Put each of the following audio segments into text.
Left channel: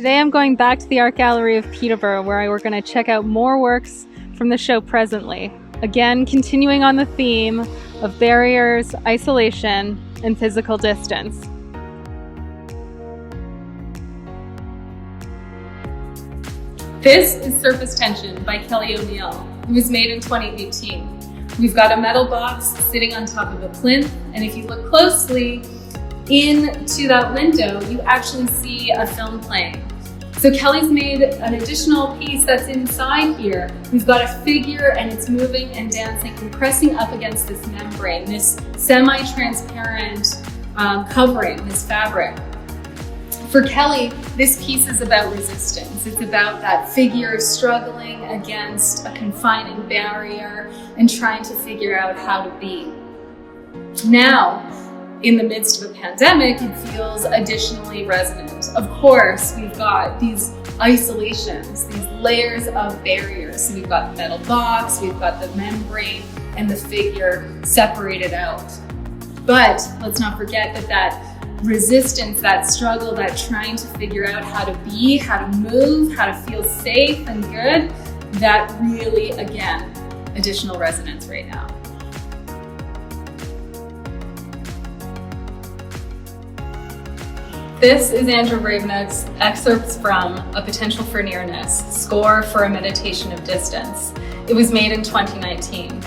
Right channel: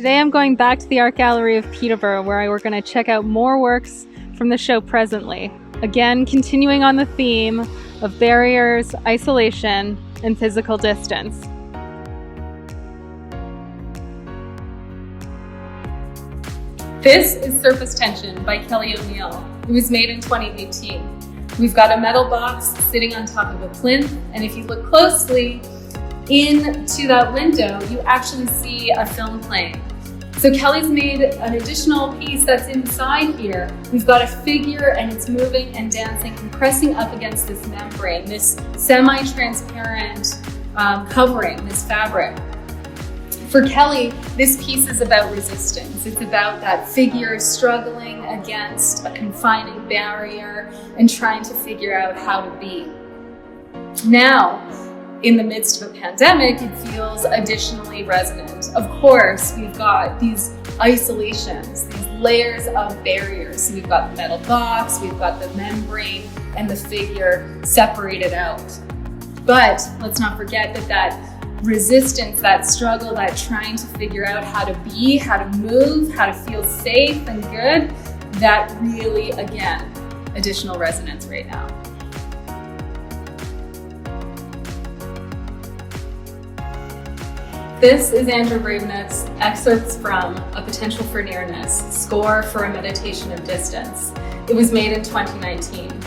Today I'm going back to the Art Gallery of Peterborough, where we're going to check out more works from the show Presently. Again, continuing on the theme of barriers, isolation, and physical distance. This is Surface Tension by Kelly O'Neill. It was made in 2018. We've got a metal box sitting on top of a plinth, and if you look closely into that window, you actually see a film playing. So Kelly's made an additional piece that's inside here. We've got a figure and it's moving and dancing and pressing up against this membrane, this semi-transparent covering, this fabric. For Kelly, this piece is about resistance. It's about that figure struggling against a confining barrier and trying to figure out how to be. Now, in the midst of a pandemic, it feels additionally resonant. Of course, we've got these isolations, these layers of barriers. So we've got the metal box, we've got the membrane, and the figure separated out. But let's not forget that resistance, that struggle, that trying to figure out how to be, how to move, how to feel safe and good, that really, again, additional resonance right now. This is Andrew Ravenet's excerpts from A Potential for Nearness, Score for a Meditation of Distance. It was made in 2019.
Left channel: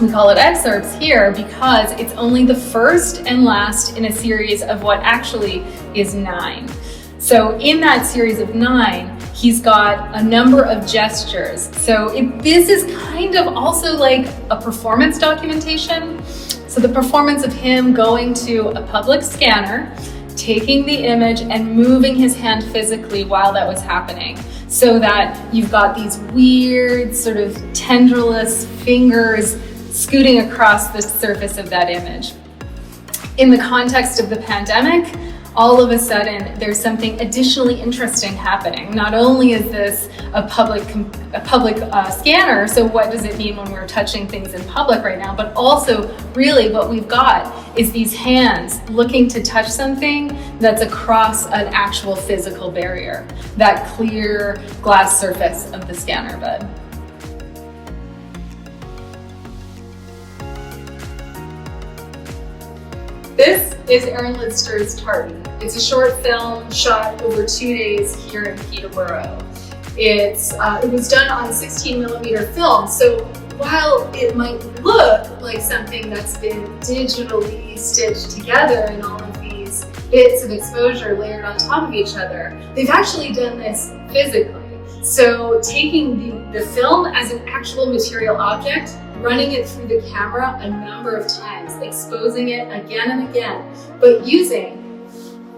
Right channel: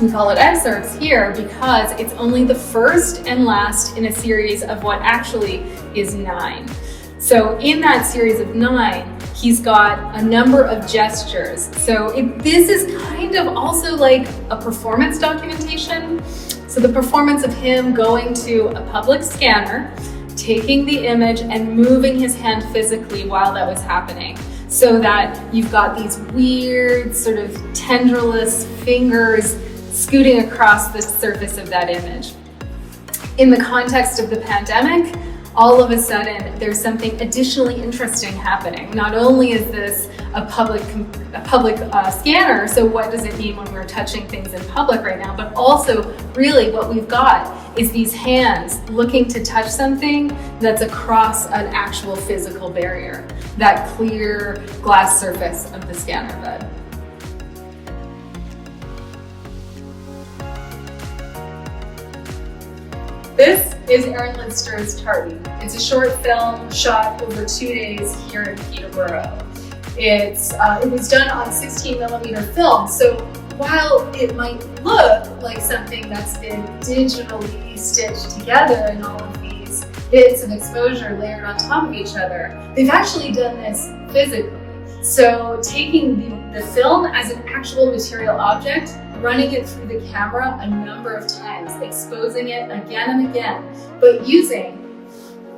We call it excerpts here because it's only the first and last in a series of what actually is 9. So in that series of 9, he's got a number of gestures. So this is kind of also like a performance documentation. So the performance of him going to a public scanner, taking the image and moving his hand physically while that was happening, so that you've got these weird sort of tendrilless fingers scooting across the surface of that image. In the context of the pandemic, all of a sudden there's something additionally interesting happening. Not only is this a public scanner, so what does it mean when we're touching things in public right now, but also really what we've got is these hands looking to touch something that's across an actual physical barrier, that clear glass surface of the scanner bed. This is Aaron Lidster's Tardy. It's a short film shot over 2 days here in Peterborough. It was done on 16mm film, so while it might look like something that's been digitally stitched together and all of these bits of exposure layered on top of each other, they've actually done this physically. So taking the film as an actual material object, running it through the camera a number of times, exposing it again and again, but using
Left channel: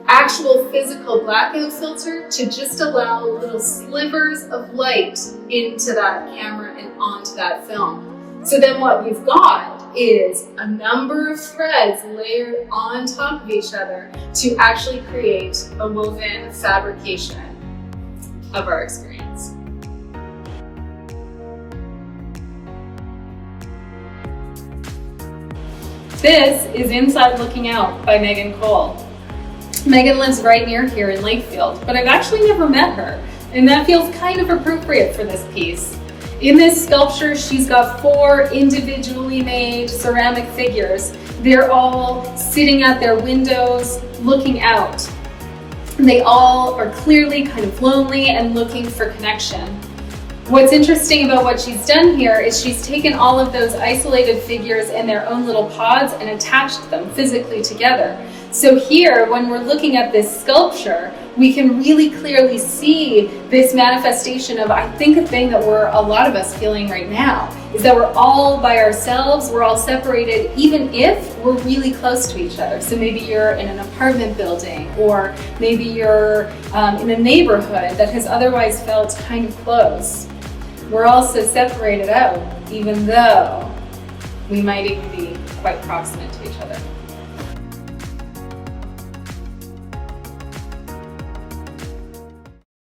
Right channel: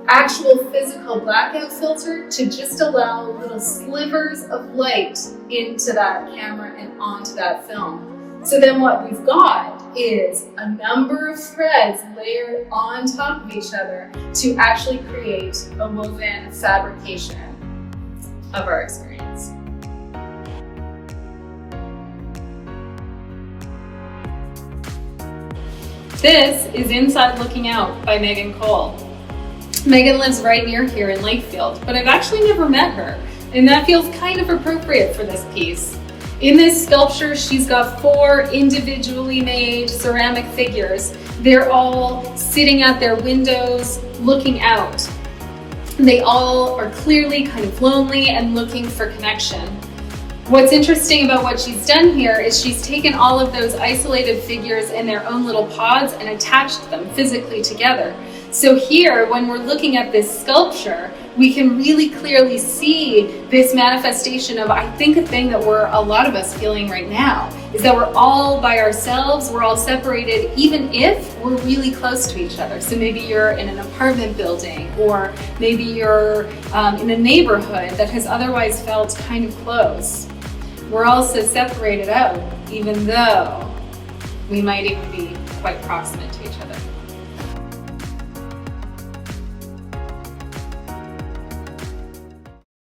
actual physical blackout filter to just allow little slivers of light into that camera and onto that film. So then what we've got is a number of threads layered on top of each other to actually create a woven fabrication of our experience. This is Inside Looking Out by Megan Cole. Megan lives right near here in Lakefield, but I've actually never met her, and that feels kind of appropriate for this piece. In this sculpture, she's got 4 individually made ceramic figures. They're all sitting at their windows, looking out. They all are clearly kind of lonely and looking for connection. What's interesting about what she's done here is she's taken all of those isolated figures in their own little pods and attached them physically together. So here, when we're looking at this sculpture, we can really clearly see this manifestation of, I think, a thing that a lot of us feeling right now, is that we're all by ourselves, we're all separated, even if we're really close to each other. So maybe you're in an apartment building, or maybe you're in a neighborhood that has otherwise felt kind of close. We're also separated out, even though we might even be quite proximate to each other.